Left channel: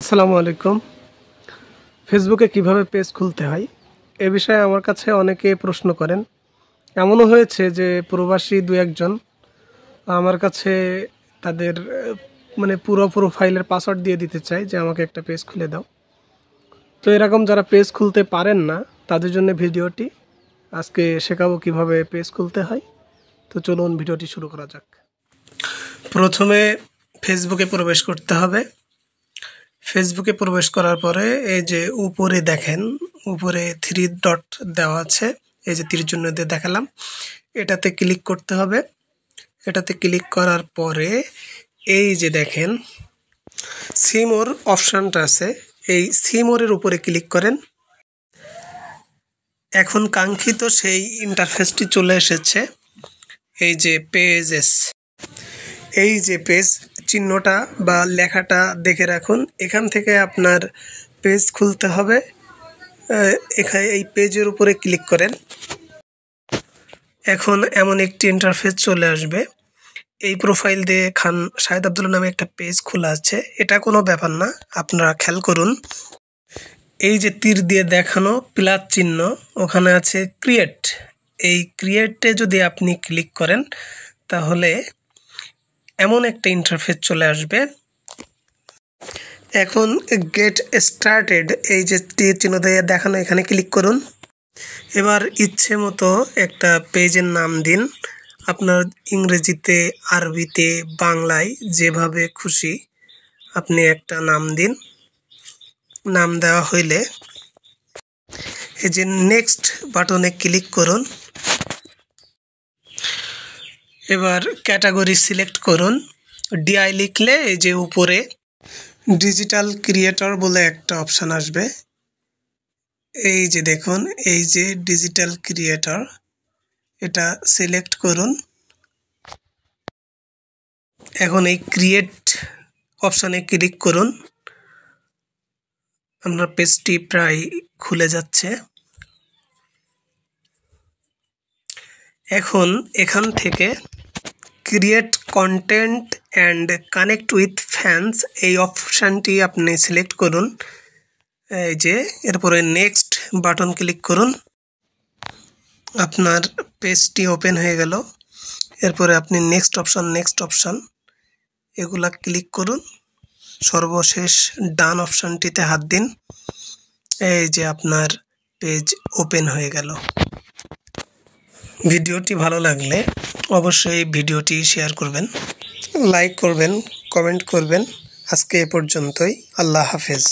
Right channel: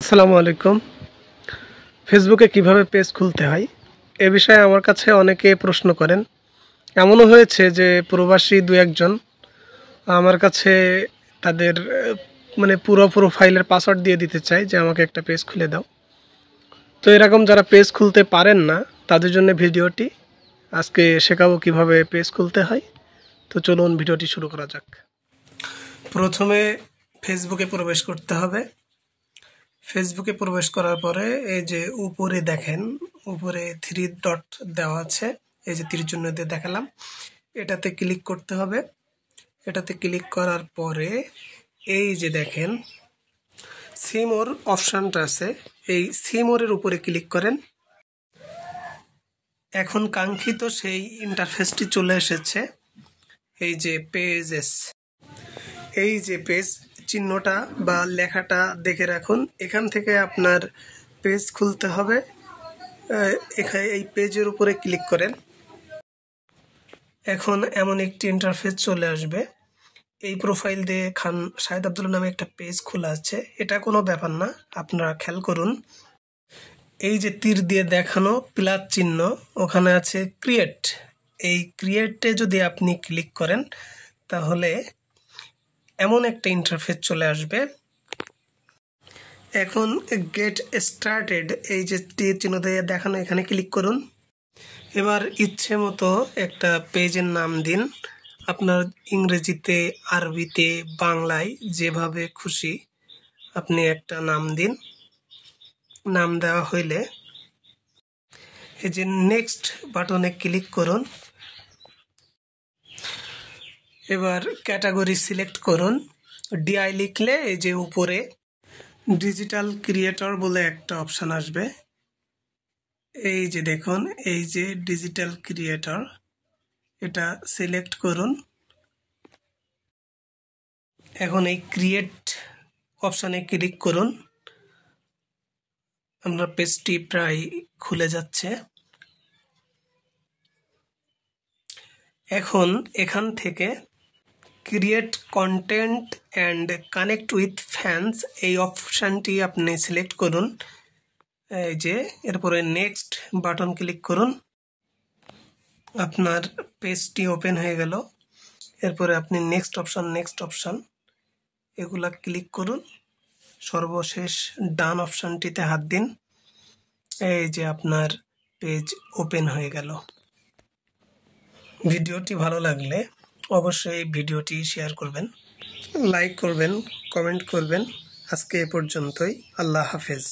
আসসালামু আলাইকুম। ফেসবুকে কিভাবে পেজ খুলতে হয় এ বিষয়ে আমার কাছে অনেকে প্রশ্ন করেন। এমনও হয়েছে যে প্রবাসী দু একজন আমার কাছে তাদের পুরো প্রোফাইলের পাসওয়ার্ড দিয়ে দিতে চায় যে আমাকে একটা পেজ খুলে দাও। তো এরকম যারা পেজ খুলতে পারেন না তাদের জন্য ভিডিওটি আজকে শেখাবো কিভাবে পেজ খুলতে হয়। তো চলুন ভিডিওটি শুরু করা যাক। প্রথমে ফেসবুকে প্রবেশ করতে হবে। ফেসবুকে প্রবেশ করার পরে এই যে উপরে দেখেন, উপরে 3 ডট দেওয়া আছে, এই যে তীর চিহ্ন দিয়ে দেখালাম, এটাতে ক্লিক করতে হবে। এটাতে ক্লিক করার পরে এই যে দেখেন সি মোর অপশানটা আছে, এই সি মোরের উপরে ক্লিক করেন। এখন কাঙ্ক্ষিত সেই ইন্টারফেসটি চলে এসেছে। এই যে পেজেস, এই যে পেজ চিহ্নটা বা লেখাটা দেখে রাখুন। এখান থেকে আপনার পেজ খুলতে হবে। এখানে এই পেজের উপরে ক্লিক করেন। এখন এমন একটি ইন্টারফেস চলে আসবে। এই প্রোফাইল দিয়ে খান শাহেদ আব্দুল্লাহ নামে একটা পেজ খোলা আছে। এটা কোনো ব্যাপার না, আপনারা খেয়াল করুন। এই যে তীর দিয়ে দেখানো প্লাস চিহ্ন, ওখানে আছে ক্রিয়েট। এই ক্রিয়েটে যদি আপনি ক্লিক করেন তাহলে এমন একটা ইন্টারফেস চলে আসবে। এখন গেট স্টার্টেড, এই যে তীর চিহ্ন দিয়ে দেখানো, এখানে ক্লিক করুন। এবার ইচ্ছে মতো একটা পেজের নাম দিন, আপনার ইংরেজিতে, আরবিতে, বাংলায় যেভাবে খুশি আপনি একটা নাম দিন। নাম দেওয়া হইলে এই যে নেক্সট বাটনে ক্লিক করুন। এবার ক্যাটাগরি সিলেক্ট করুন। ডিআই লিখলে এই যে উপরে ডিজিটাল ক্রিয়েটর বলে একটা অপশান আসবে। এই যে দেখুন, এই যে ডিজিটাল ক্রিয়েটর, এটা সিলেক্ট করুন। এখন এই ক্রিয়েট অপশানে ক্লিক করুন। আমরা পেজটি প্রায় খুলে যাচ্ছে। এখন এখান থেকে create content and connect with fans, এই অপশানটি আপনি সিলেক্ট করুন। এই যে এরপরে নেক্সট বাটন ক্লিক করুন। আপনার পেজটি ওপেন হয়ে গেল। এরপরে আপনি নেক্সট অপশান এগুলা ক্লিক করুন। সর্বশেষ ডান অপশানটিতে হাত দিন। এই যে আপনার পেজ ওপেন হয়ে গেল। ভিডিওটি ভালো লাগলে অবশ্যই ভিডিওটি শেয়ার করবেন, লাইক করবেন, কমেন্ট করবেন। আজকে এ পর্যন্তই। আল্লাহ হাফেজ।